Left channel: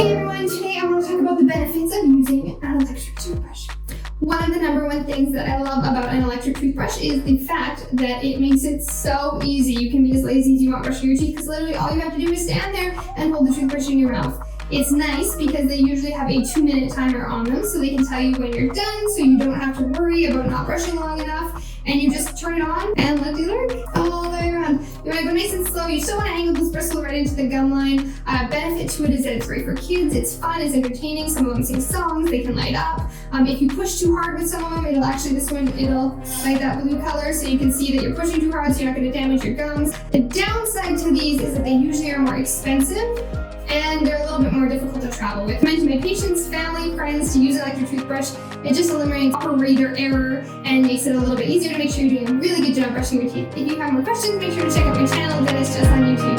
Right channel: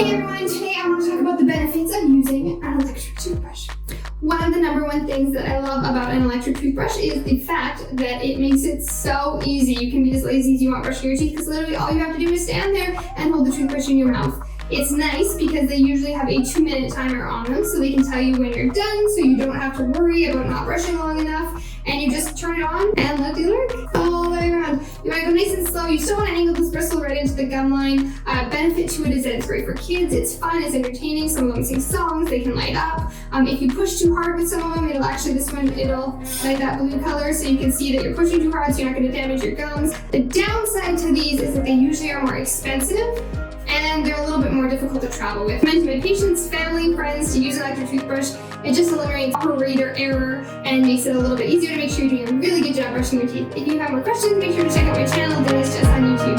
Hey everyone, today I want to talk about the benefits of using an electric toothbrush. One of the number one things that I love about an electric toothbrush is the fact that it makes it so easy. You can be as lazy as you want brushing your teeth because literally all you have to do is stand there and hold the toothbrush in your mouth. It's nice because they usually have a 2-minute timer on them so they can tell you when you're done so you don't have to worry about not brushing long enough, and you just turn it on and let it work all the way around. You want to go nice and slow. You still want to angle this bristle right into the gum line. Benefit to it is that it's great for kids. It's fun, it's entertaining. Some of them sing songs, they can light up. If you push too hard with some of them, it'll light that blue color so you can see that you're pushing too hard so you're not going to damage your gums. The downside to these is that they usually are more expensive and they're a little bit more difficult to travel with. I recommend to my patients, family, friends to use an electric toothbrush. It just eliminates operator error and makes it a little bit easier to make sure you're doing a really good job brushing your teeth. If you have more questions, make sure to check out my channel, Dentist Jess on YouTube.